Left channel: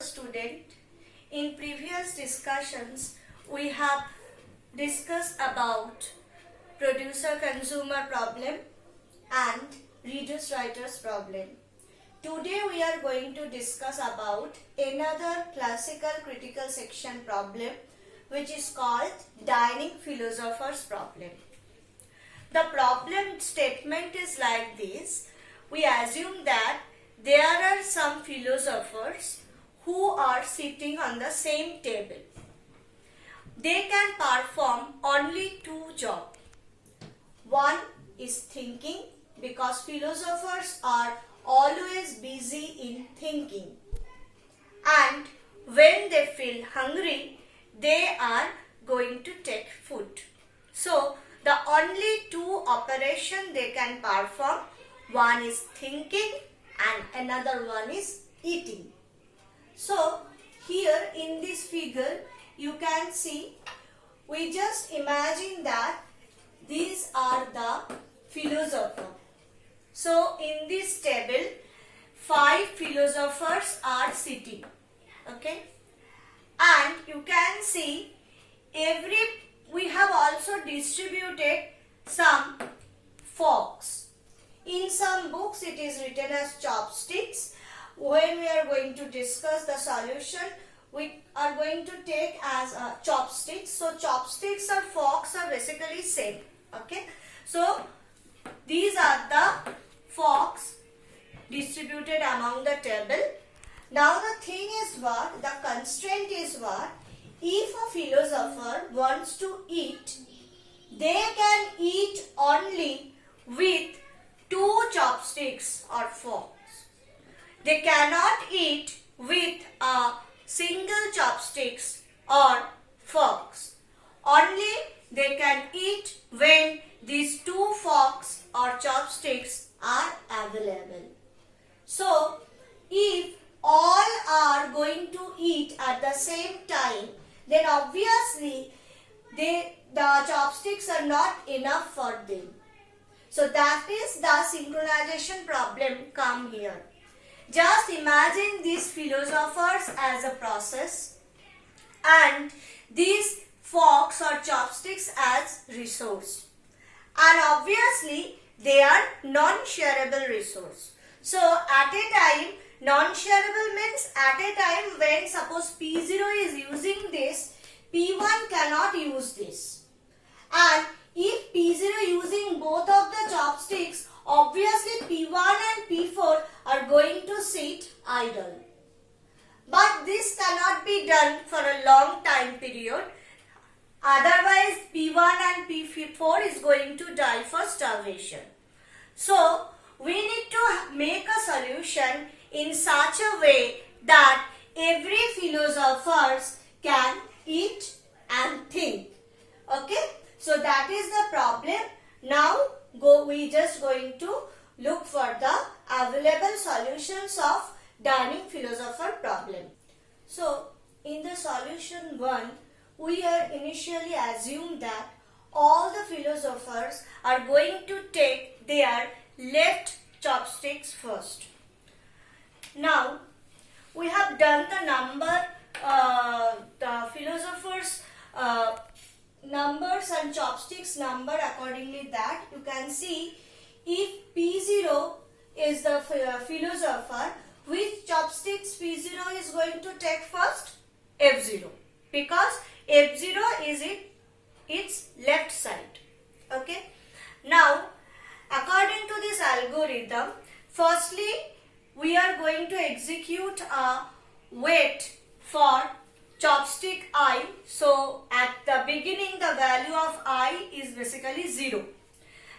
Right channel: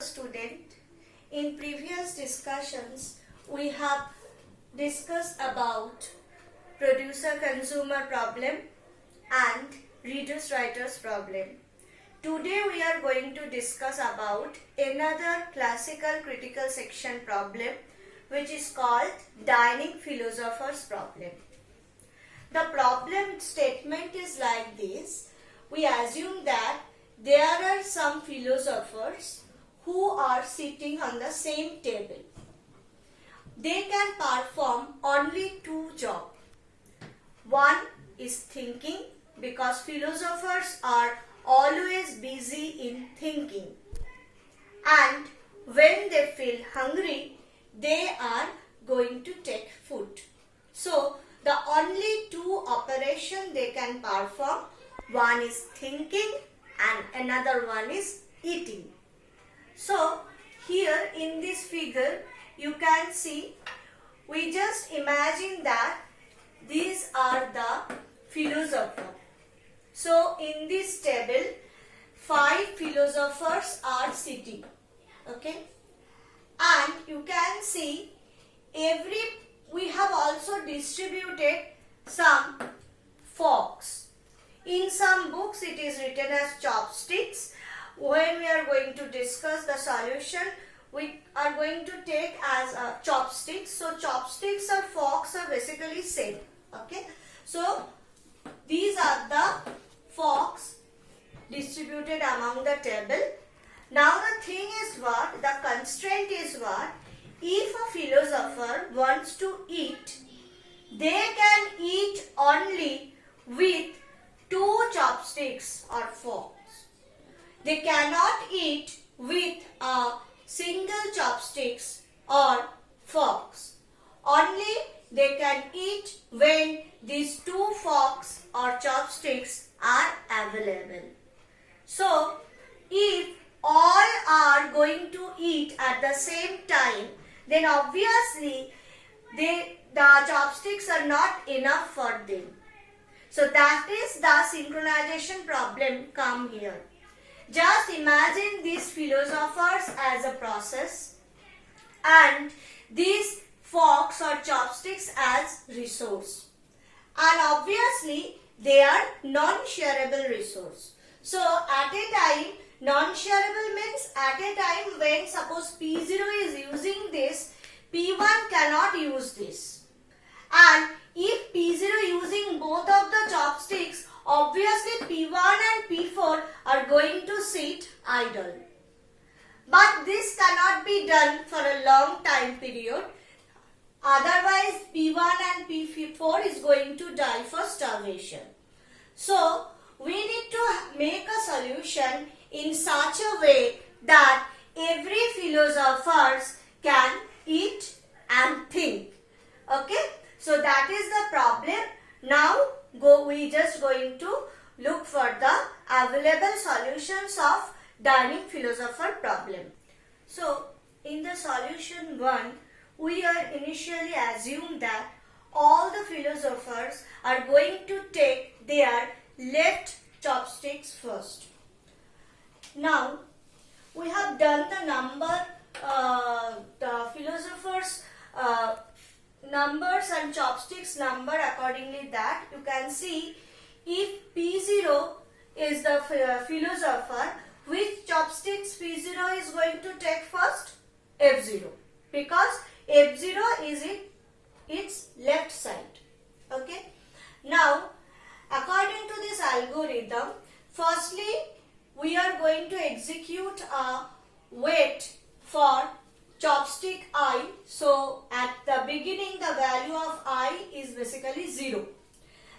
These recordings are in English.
Student, in previous discussions we have discussed about producer-consumer problem and readers-writers problem. Today we are going to discuss about another classical critical section problem which is called dining philosophers problem. The problem statement is like this. We assume that there are some philosophers who are sitting on the same table. They can perform only two jobs. One is thinking, because philosophers are always busy in thinking. And when they feel hungry, they are going to take food. So, the only two operations they can perform, one is thinking and another one is eating. So, here in this figure, you can see, we just imagine that these are the philosophers. So, in this table, 5 philosophers are sitting. Okay? And you can see, we have also distributed some forks. In some books, it is written as chopsticks. When we are going to discuss the solution, we are going to take as chopsticks. So chopsticks or forks are basically same. Okay. So these are the forks distributed among the table. Now the thing is what? The constraint is what? If a philosopher wants to eat, they can eat only with 2 chopsticks or forks. They cannot eat with a single chopsticks or forks. Only they can eat when these 2 forks or chopsticks are available. So, if all are going to eat at the same time, then obviously the chopsticks are not enough for them. So that is the synchronization problem come here. Just imagine these philosophers as a process and these forks or chopsticks as resource. And obviously they are non-shareable resource. So at a time, non-shareable means at a time when suppose P0 is using this, P1 cannot use this. And if P0 using both of the chopsticks, obviously P1 and P4 are going to sit idle. But this cannot be done for a long time period. Otherwise P1 and P4 is going to die for starvation. So we need to make a solution in such a way that every philosopher can eat and think. Okay? So that is the problem. Now we just going to look for the available solutions of dining philosopher problem. So in the solution 1, we are initially assumed that all the philosophers are going to take their left chopsticks first. Now we have done the philosophers numbers and chopsticks number accordingly, that you can see if P0 is the philosopher, which chopsticks P0 is going to take first? F0, because F0 is its left side. Okay. Now according to this algorithm, firstly we are going to execute a wait for chopstick I. So at the beginning the value of I is basically 0.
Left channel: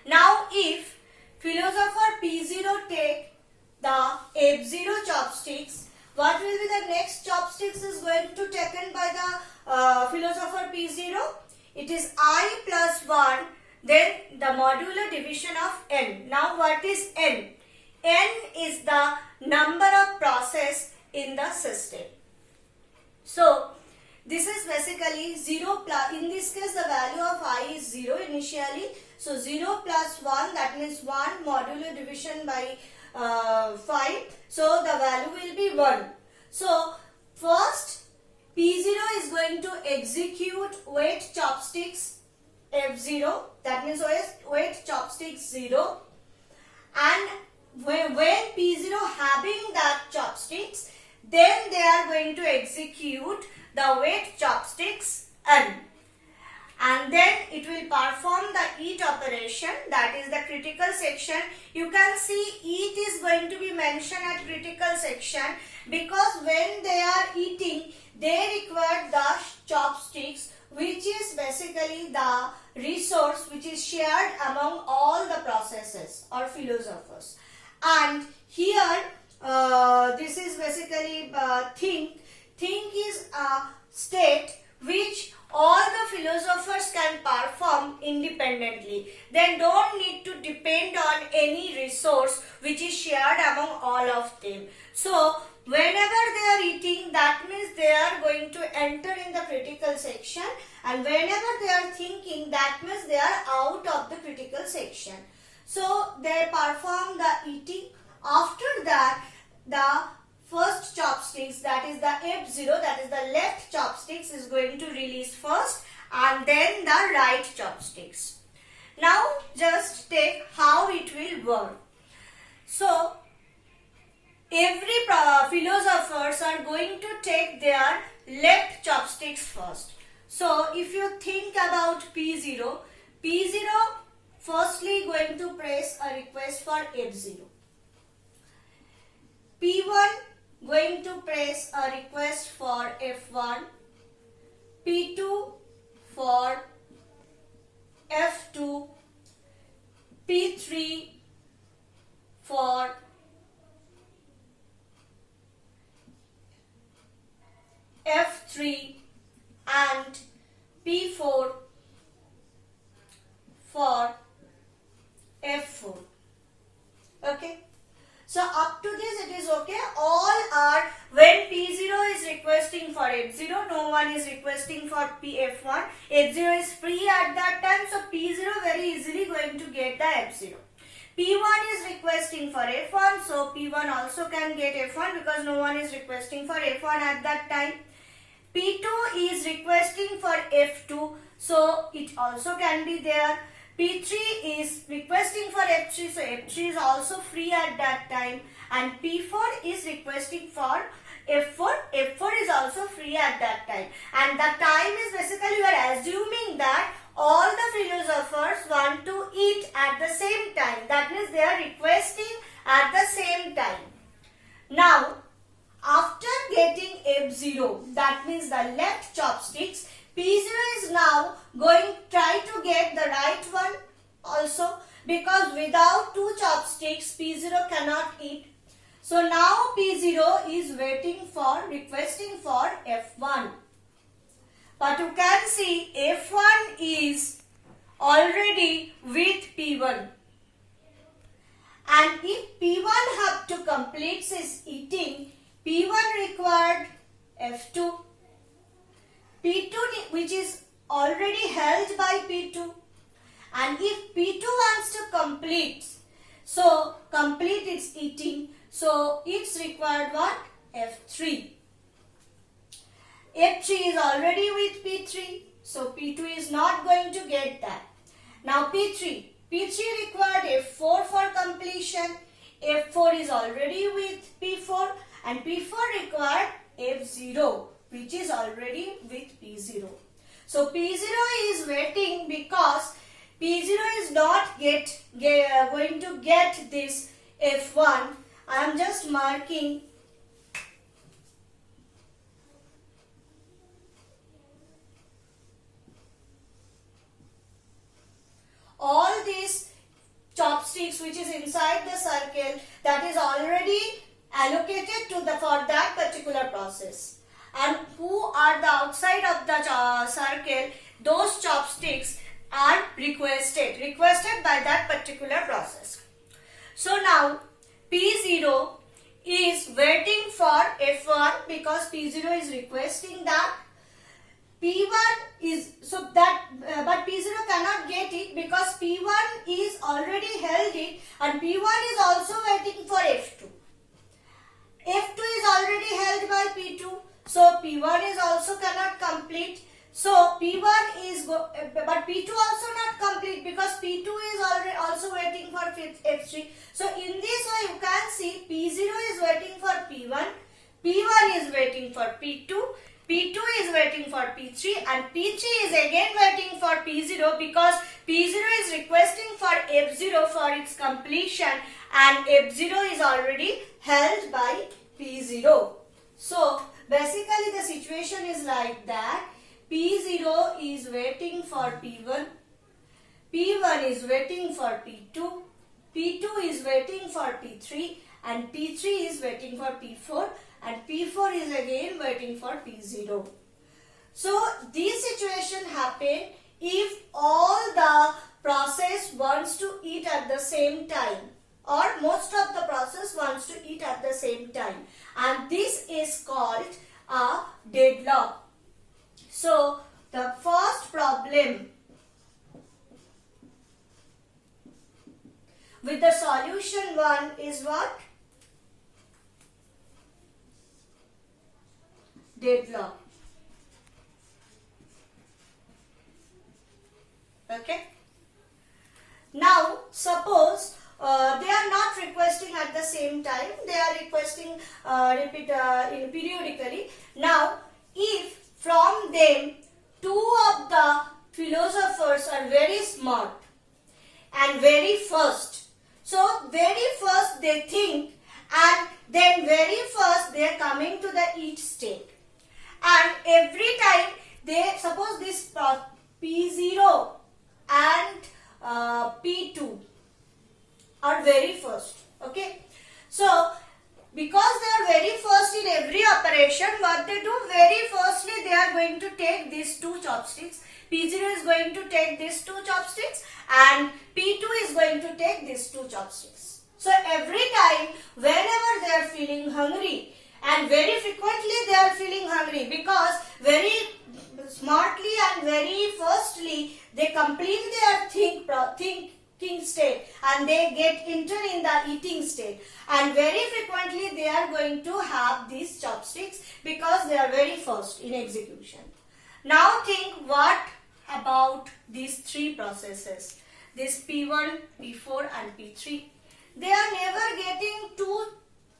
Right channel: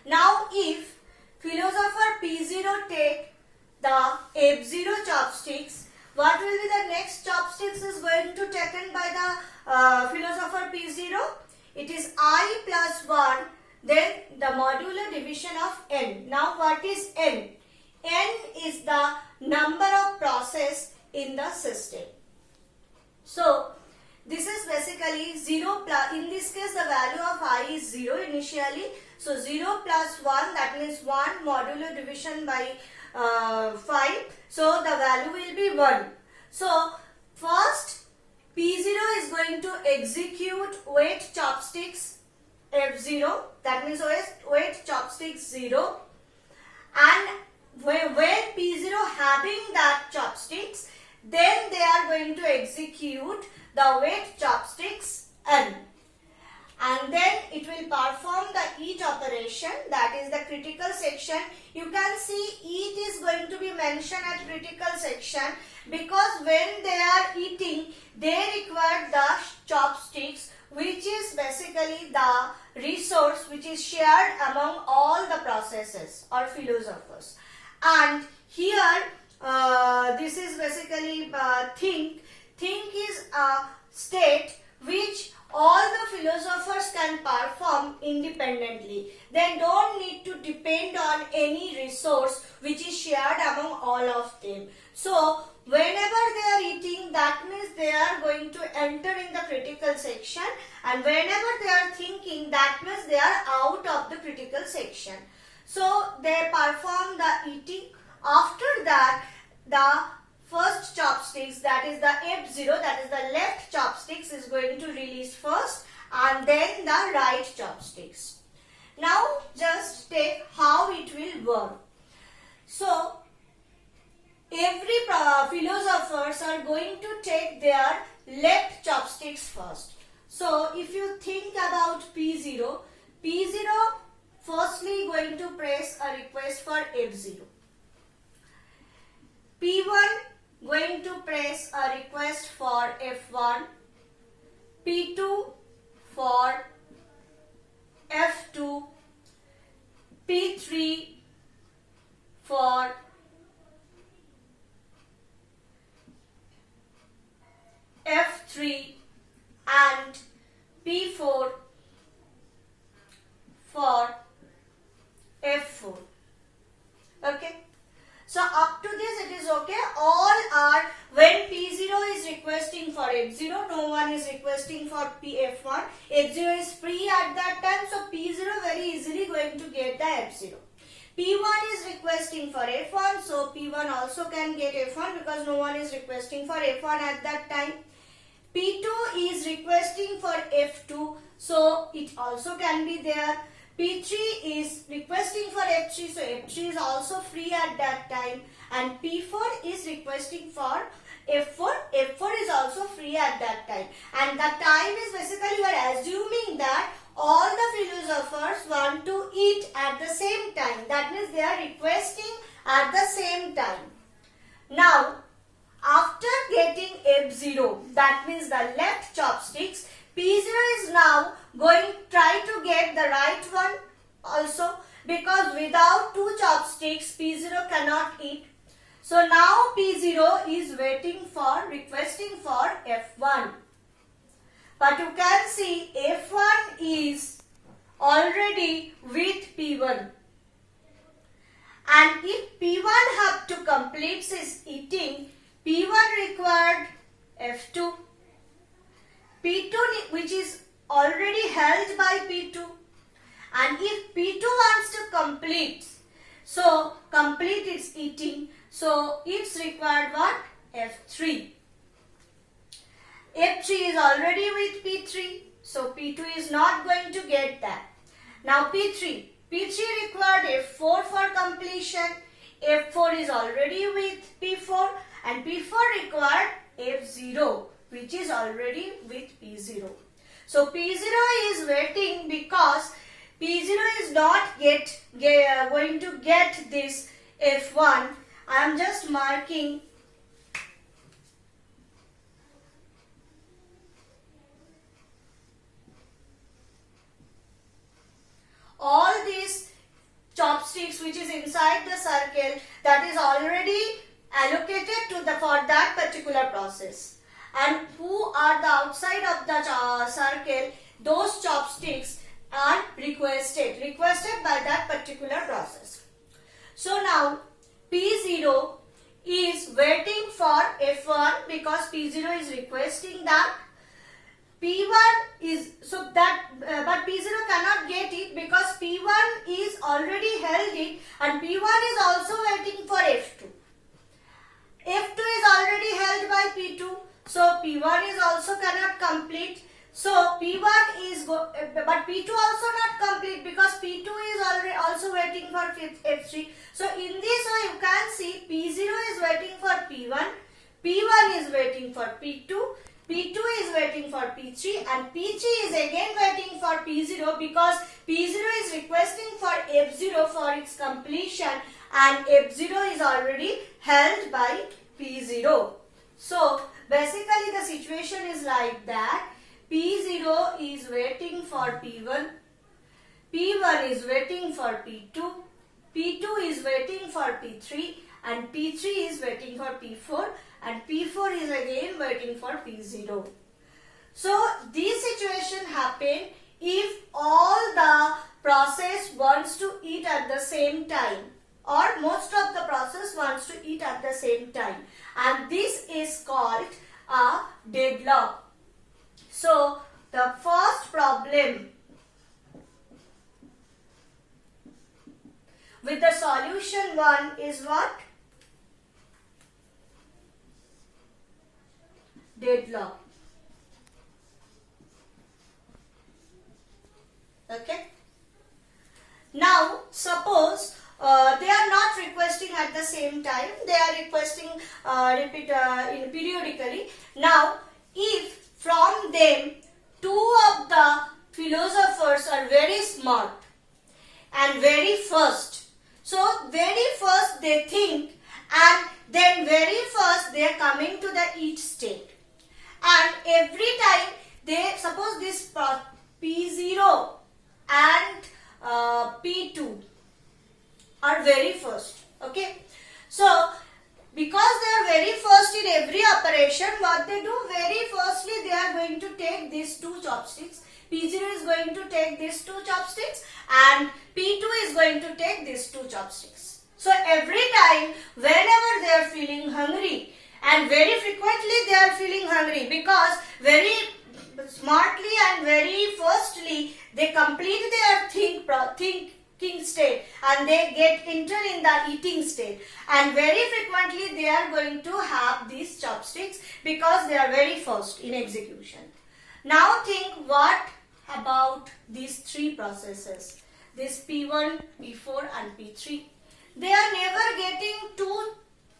Now if philosopher P0 take the F0 chopsticks, what will be the next chopsticks is going to taken by the philosopher P0? It is I plus 1, then the modular division of n. Now what is n? N is the number of process in the system. So this is basically 0 plus, in this case the value of I is 0 initially. So 0 plus 1, that means 1 modular division by 5. So the value will be 1. So P0 is going to execute wait chopsticks F0, that means wait chopsticks 0, and when P0 having that chopsticks, then they are going to execute the wait chopsticks N, and then it will perform the eat operation, that is the critical section. You can see eat is going to be mentioned at critical section because when they are eating, they require the chopsticks, which is basically the resource which is shared among all the processes or philosophers. And here this is basically think. Think is a state which all the philosophers can perform independently. They don't need to depend on any resource which is shared among all of them. So whenever they are eating, that means they are going to enter in the critical section, and whenever they are thinking, that means they are out of the critical section. So they perform the eating. After that, the first chopsticks, that is the F0, that is the left chopsticks, is going to release first, and then the right chopsticks. Now just take how it will work. So every philosophers are going to take their left chopsticks first. So if you think about P0 firstly going to press a request for F0. P1 going to press a request for F1. P2 for F2. P3 for F3 and P4 for F4. Okay. So up to this it is okay. All are, when P0 is requesting for F0, no one is requesting for F1. F0 is free at that time, so P0 very easily going to get the F0. P1 is requesting for F1, so P1 also can get F1 because no one is requesting for F1 at that time. P2 is requesting for F2, so it also can be there. P3 is requesting for F3, so F3 is also free at that time. And P4 is requesting for F4, F4 is also free at that time. And the time is basically, you are assuming that all the philosophers want to eat at the same time. That means they are requesting at the same time. Now, after getting F0, that means the left chopsticks, P0 is now going to try to get the right one also, because without two chopsticks P0 cannot eat. So now P0 is requesting for F1. But you can see F1 is already with P1. And if P1 have to complete his eating, P1 required F2. P2 which is already held by P2, and if P2 wants to complete its eating, so it's required what? F3. F3 is already with P3, so P2 is not going to get that. Now P3 required F4 for completion. F4 is already with P4, and P4 required F0, which is already with P0. So P0 is waiting because P0 is not going to get this F1. I am just marking all these chopsticks which is inside the circle, that is already allocated for that particular process. And who are the outside of the circle, those chopsticks are requested by that particular process. So now P0 is waiting for F1 because P0 is requesting that. P1 is but P0 cannot get it because P1 is already held it, and P1 is also waiting for F2. F2 is already held by P2. So P1 is also cannot complete. So P1 is but P2 also not complete because P2 is already also waiting for F3. So in this way you can see P0 is waiting for P1, P1 is waiting for P2, P2 is waiting for P3 and P3 is again waiting for P0 because P0 is requesting for F0 for its completion and F0 is already held by P0. So basically the situation is like that. P0 is waiting for P1, P1 is waiting for P2, P2 is waiting for P3 and P3 is waiting for P4 and P4 is again waiting for P0. So this situation happen if all the process wants to eat at the same time or most of the process wants to eat at the same time, and this is called a deadlock. So the first problem with the solution 1 is what? Deadlock. Okay. Now suppose they are not requesting at the same time, they are requesting periodically. Now if from them two of the philosophers are very smart and very first, so very first they think and then very first they are coming to the each state, and every time they suppose this P0 and P2 are very first. Okay, so because they are very first in every operation, what they do, very firstly they are going to take these two chopsticks. P0 is going to take these two chopsticks and P2 is going to take these two chopsticks. So every time whenever they are feeling hungry, and very frequently they are feeling hungry because very smartly and very firstly they complete their thinking state and they get entered in the eating state, and very frequently they are going to have these chopsticks because they are very first in execution. Now think what about these three processes, this P1, P4 and P3. They are never getting two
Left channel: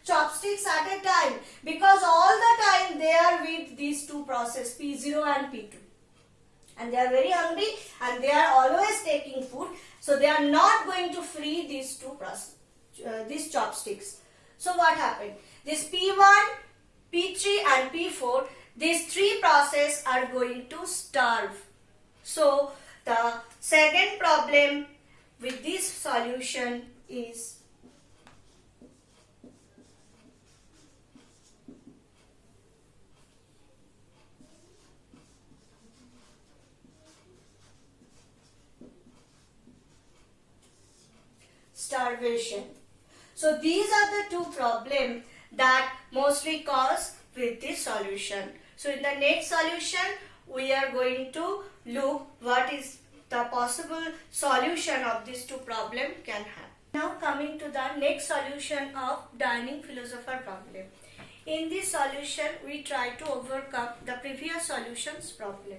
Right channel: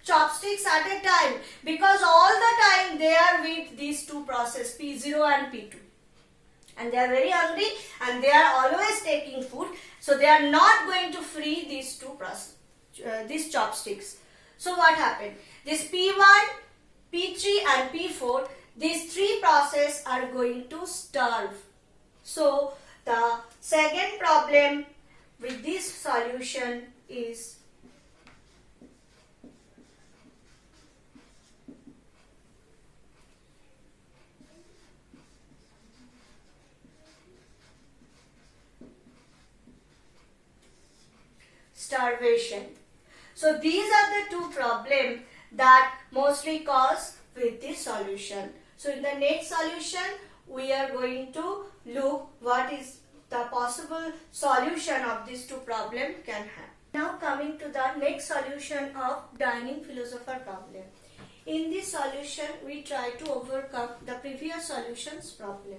chopsticks at a time because all the time they are with these two processes P0 and P2, and they are very hungry and they are always taking food, so they are not going to free these two these chopsticks. So what happened? This P1, P3 and P4, these three processes are going to starve. So the second problem with this solution is starvation. So these are the two problems that mostly cause with this solution. So in the next solution we are going to look what is the possible solution of these two problems can have. Now coming to the next solution of dining philosopher problem. In this solution we try to overcome the previous solutions problem.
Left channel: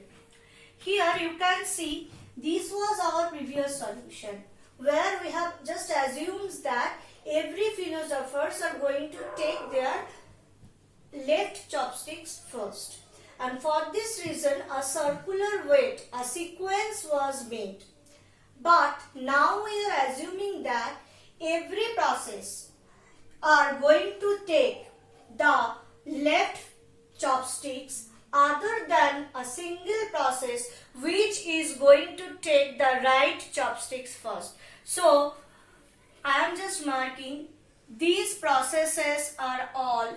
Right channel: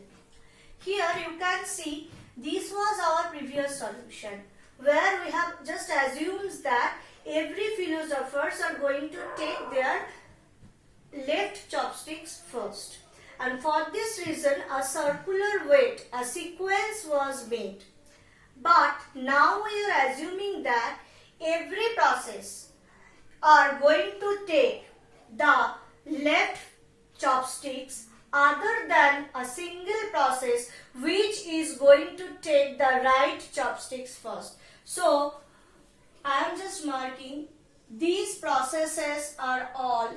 Here you can see this was our previous solution, where we have just assumed that every philosophers are going to take their left chopsticks first, and for this reason a circular weight, a sequence was made. But now we are assuming that every process are going to take the left chopsticks other than a single process which is going to take the right chopsticks first. So I am just marking these processes are all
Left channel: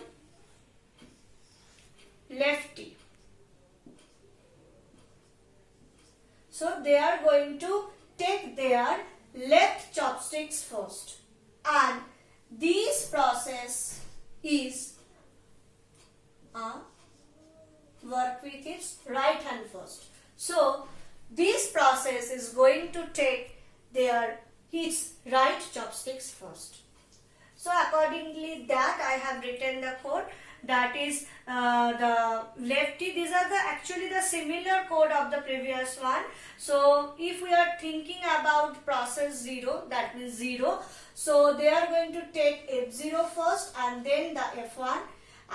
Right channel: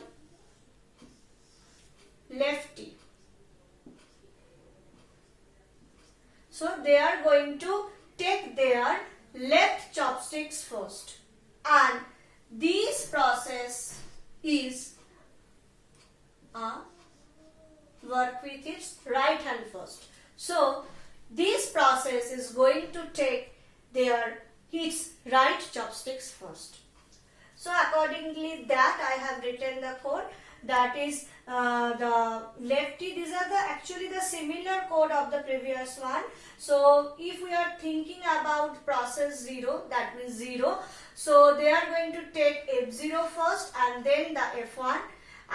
lefty. So they are going to take their left chopsticks first, and this process is work with its right hand first. So this process is going to take its right chopsticks first. So accordingly that I have written the code that is the lefty. These are actually the similar code of the previous one. So if we are thinking about process 0, that means 0. So they are going to take F0 first and then the F1.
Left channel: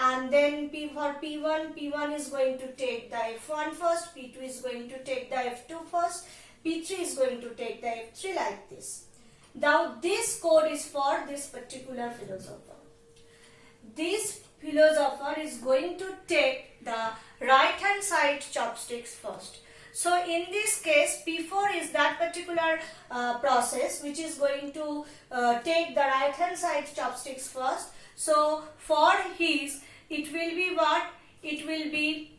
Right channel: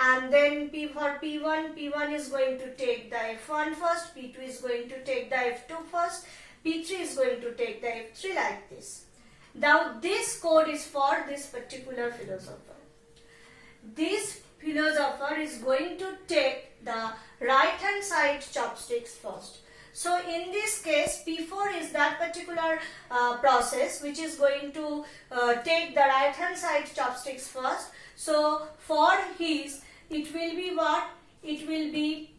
And then for P1 is going to take the F1 first, P2 is going to take the F2 first, P3 is going to take the F3, like this. Now this code is for this particular philosopher. This philosopher is going to take the right hand side chopsticks first. So in this case, P4 is that particular process which is going to take the right hand side chopsticks first. So for his, it will be what? It will be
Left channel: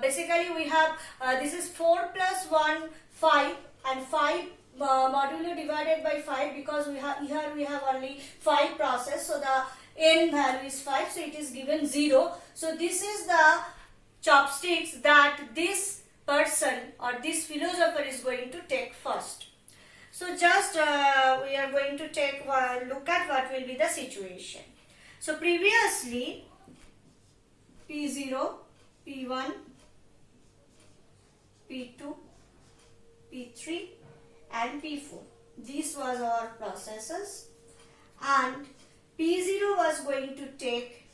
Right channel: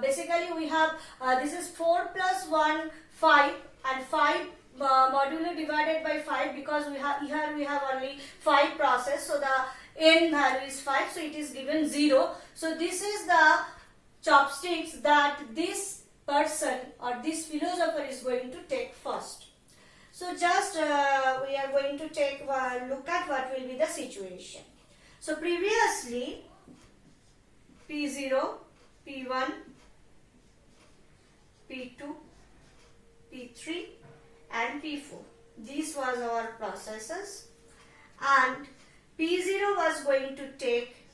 basically we have this is 4 plus 1, 5, and 5 modulo divided by 5, because here we have only 5 process. So the n value is 5, so it is given 0. So this is the chopsticks that this person or this philosopher is going to take first. So just we are going to take look at what will be the situation. So previously P0, P1, P2, P3 and P4. This was our processes, and P0 was going to take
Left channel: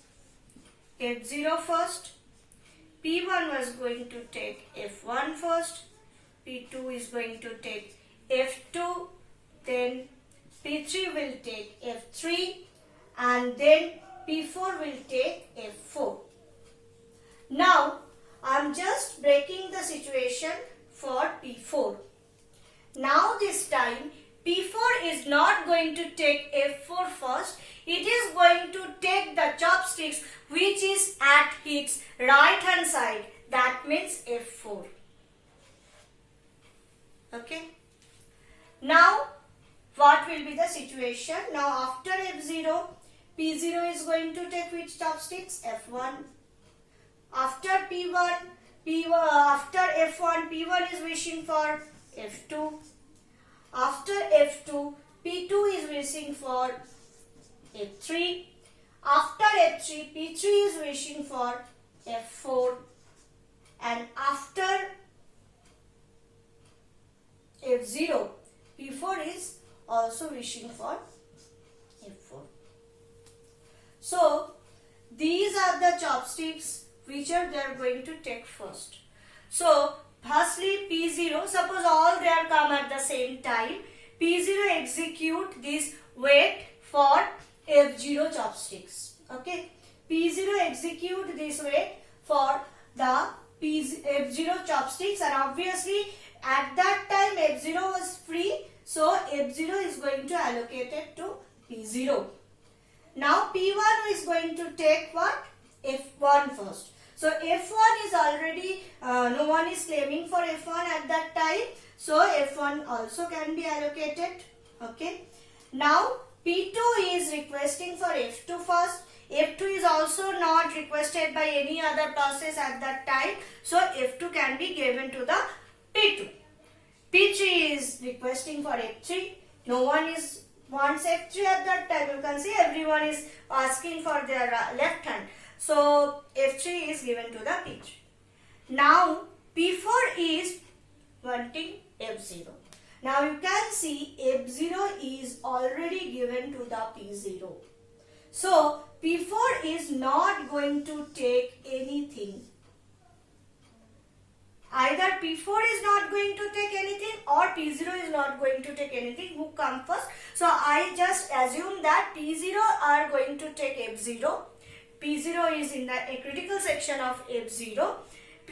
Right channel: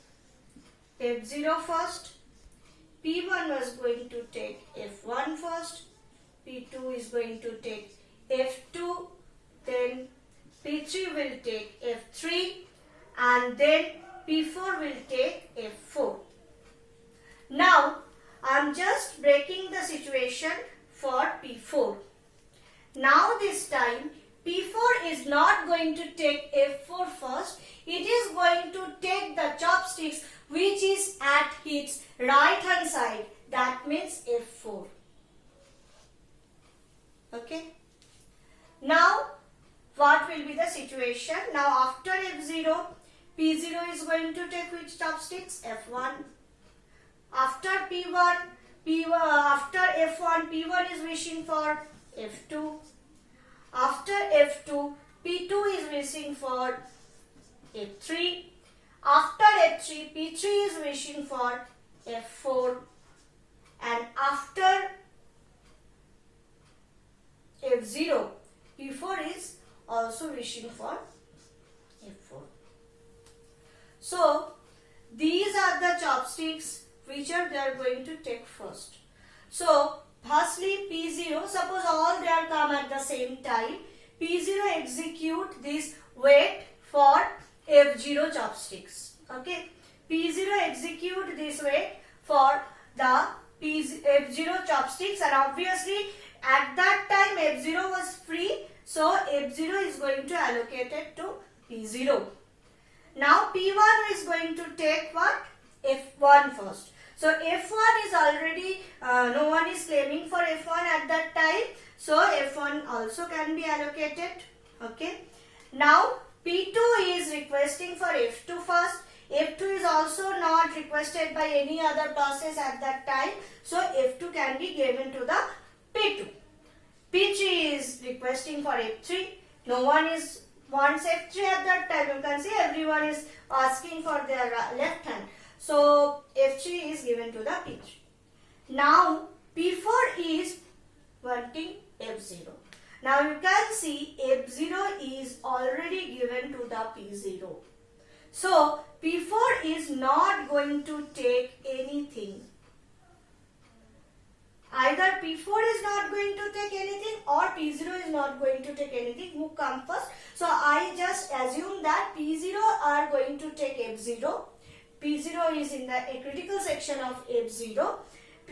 F0 first, P1 was going to take F1 first, P2 is going to take F2, then P3 will take F3, and then P4 will take F4. Now I am just breaking the situation for P4. Now this time P4 is not going to take F4 first. It is going to take the chopsticks which is at its right hand side. That means F4. Okay. Now what will be the situation? Now after F0, P0 is going to take which chopsticks? F1. After P1, after F1, P1 is wishing for F2. After F2, P2 is wishing for F3. After F3, P3 is wishing for F4. And after F0, P4 is also wishing for F4. So these are the chopsticks which they are going to take first. So firstly P0, suppose all they are come at the same time, P0 execute this wait for F0 chopsticks. Okay, P0 execute this wait for the F0 chopsticks, and obviously at that time F0 was free, so F0 is going to allocate it to P0. Now P1 is going to take what? F1 first. So F1 is already, no one is claiming for F1 at that time. So F1 also can be allocated. Okay. Now P2 is requesting for F2 first. F2 is also not requested by any other process at that time. So F2 can be given to the P2. P3 is requesting for F3. No one is wants F3 at that time. You can see everyone is asking for their left hand. So F3 is given to the P3. Now P4 is wanting F0. Now you can see F0 is already given to the P0. So P4 is not going to take anything. Either P4 is not going to take anything or P0 is not going to take anything. Who comes first? So I just assume that P0 are going to take F0. P0 is in the critical section of F0.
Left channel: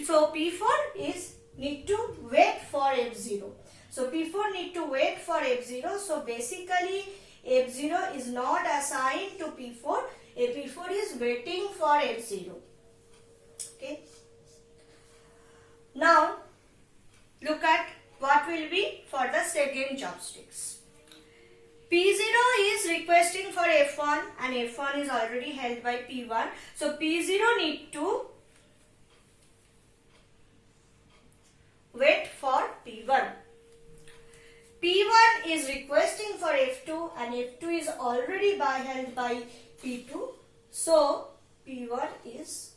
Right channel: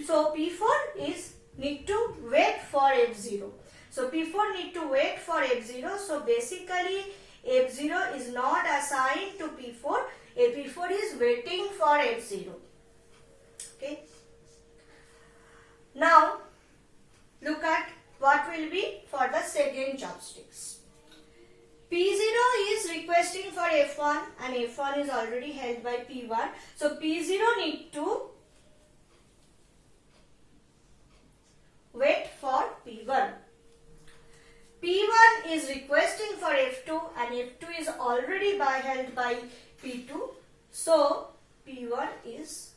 So P4 is need to wait for F0. So P4 need to wait for F0. So basically F0 is not assigned to P4. P4 is waiting for F0. Okay. Now look at what will be for the second chopsticks. P0 is requesting for F1 and F1 is already held by P1. So P0 need to wait for P1. P1 is requesting for F2 and F2 is already held by P2. So P1 is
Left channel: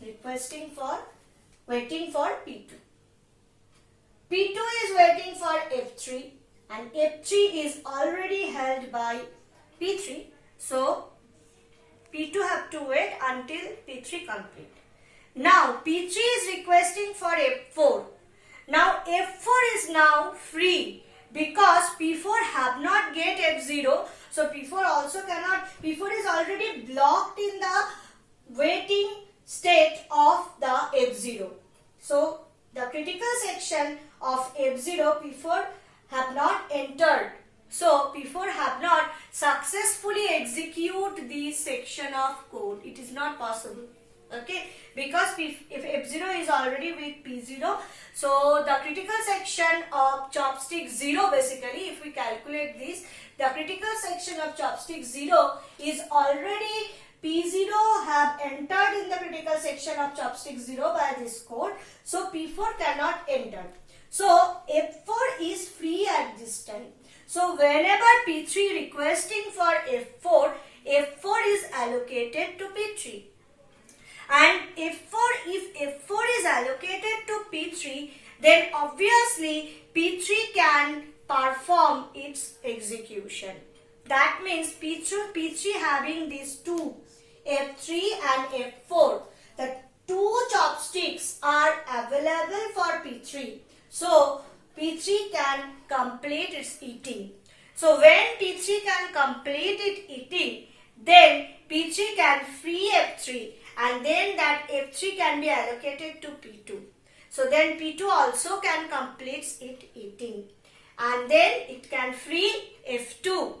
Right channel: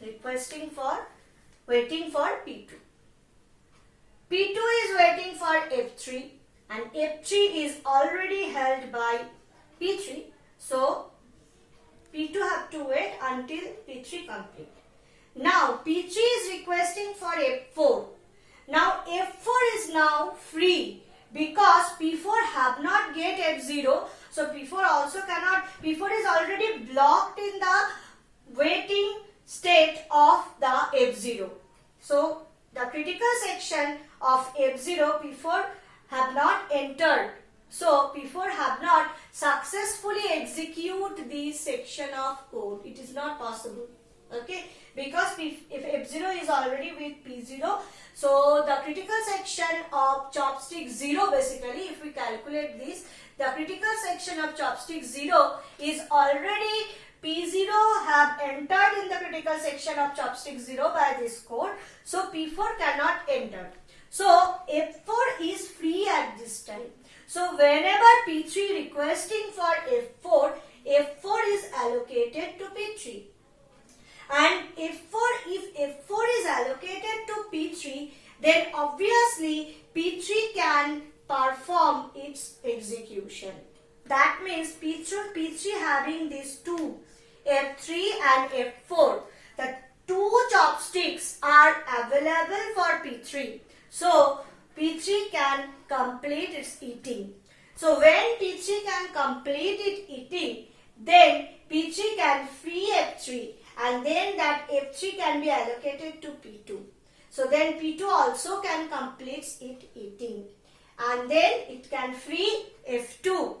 waiting for P2. P2 is waiting for F3 and F3 is already held by P3. So P2 have to wait until P3 complete. Now P3 is requesting for F4. Now F4 is now free because P4 have not get F0. So P4 also cannot, P4 is already blocked in the waiting state of the F0. So the critical section of F0 P4 have not entered. So P4 have not successfully execute this section of code. It is not possible. Okay, because if F0 is already with P0, so the critical section of chopstick 0, basically if we calculate this, the critical section of chopstick 0 is already P0 have entered in the critical section of chopstick 0 by this code. So P4 cannot enter. So F4 is free at this time. So whenever P3 requesting for F4, F4 is allocated to P3. And if F4 is allocated to P3, then obviously P3 can perform its execution. That means P3 having these two, F3 and F4, the two chopsticks are available for P3. So P3 can complete its eating. So when P3 can complete its eating, then P3 can free F3 and then that F3 can be allocated to P2. So then P2 also can complete its eating and then it can free F2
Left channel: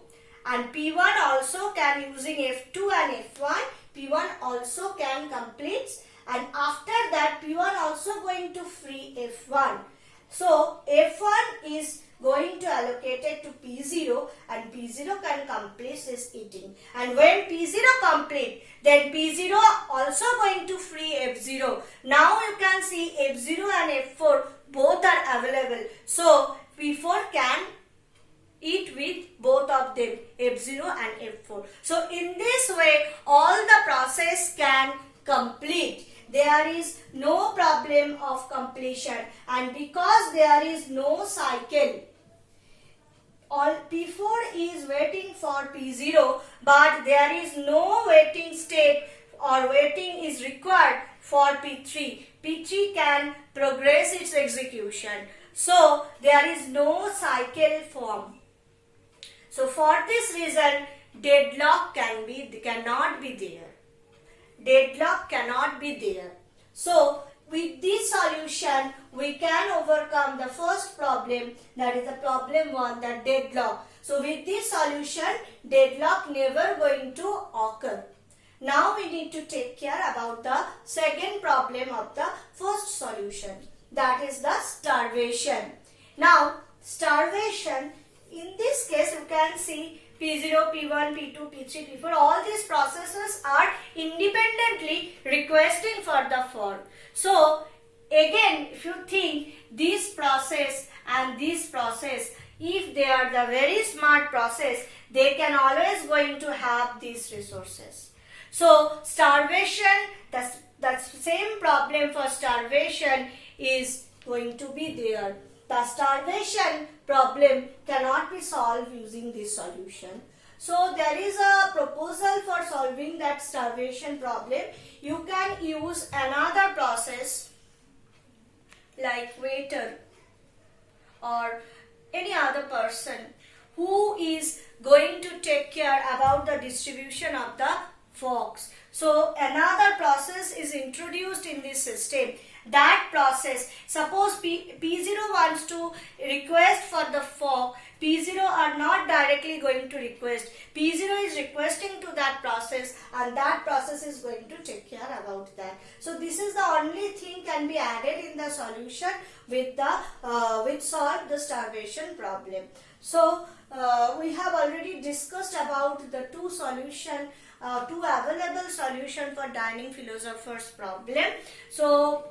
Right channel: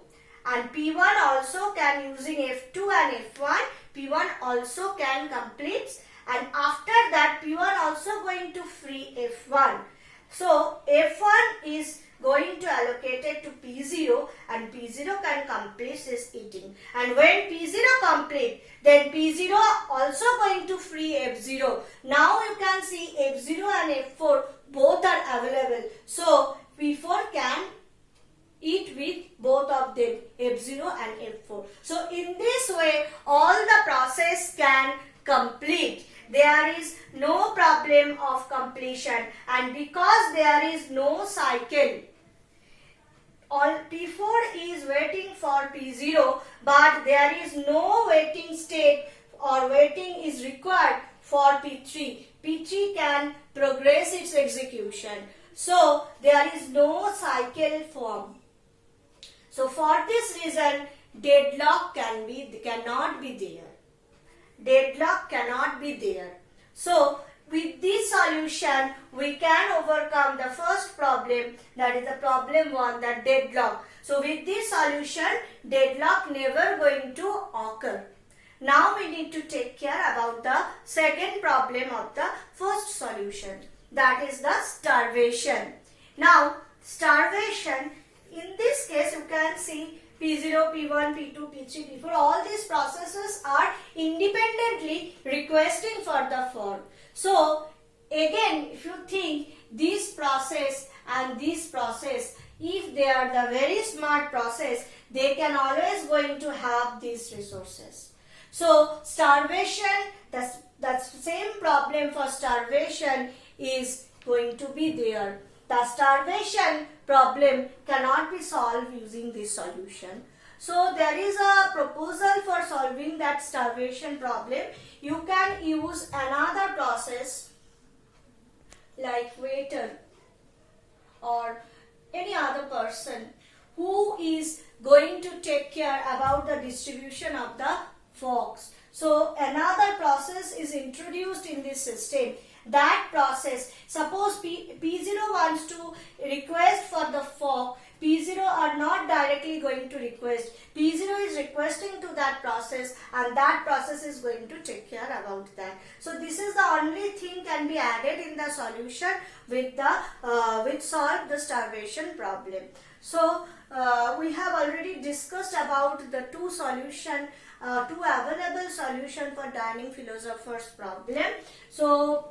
and P1 also can, using F2 and F1, P1 also can complete, and after that P1 also going to free F1. So F1 is going to allocate it to P0 and P0 can complete its eating. And when P0 complete, then P0 also going to free F0. Now you can see F0 and F4 both are available. So P4 can eat with both of them, F0 and F4. So in this way, all the process can complete. There is no problem of completion, and because there is no cycle, all P4 is waiting for P0, but there is no waiting state or waiting is required for P3. P3 can progress its execution. So there is no cycle form. So for this reason, deadlock cannot be there. Deadlock cannot be there. So with this solution, we can overcome the first problem, that is the problem 1, that deadlock. So with this solution, deadlock never going to occur. Now we need to take care about the second problem of the first solution, that is the starvation. Now starvation, in this case you can see P0, P1, P2, P3, P4, all these processes are independently requesting for the fork. So again, if you think this process and this process, if they are the very smart process, they can always going to have these resources. So starvation, the same problem for starvation is going to be there. The starvation problem cannot be solved using this solution. So there is a proposal for solving that starvation problem. You can use another process like waiter or any other person who is going to take care about the distribution of the forks. So another process is introduced in this system. That process, suppose P0 wants to request for the fork, P0 are not directly going to request. P0 is requesting to that process and that process is going to take care about that. So this is the only thing can be added in the solution with solve the starvation problem. So we have already discussed about the two available solution for dining philosopher's problem. So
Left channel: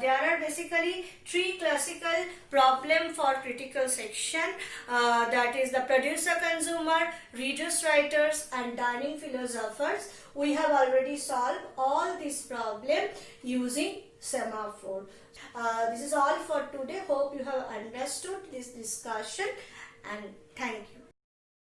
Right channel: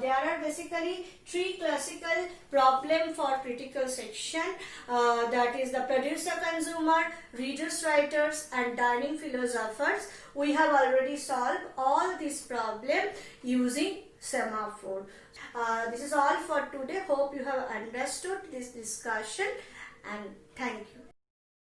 there are basically three classical problem for critical section, that is the producer consumer, readers writers, and dining philosophers. We have already solved all these problem using semaphore. This is all for today. Hope you have understood this discussion, and thank you.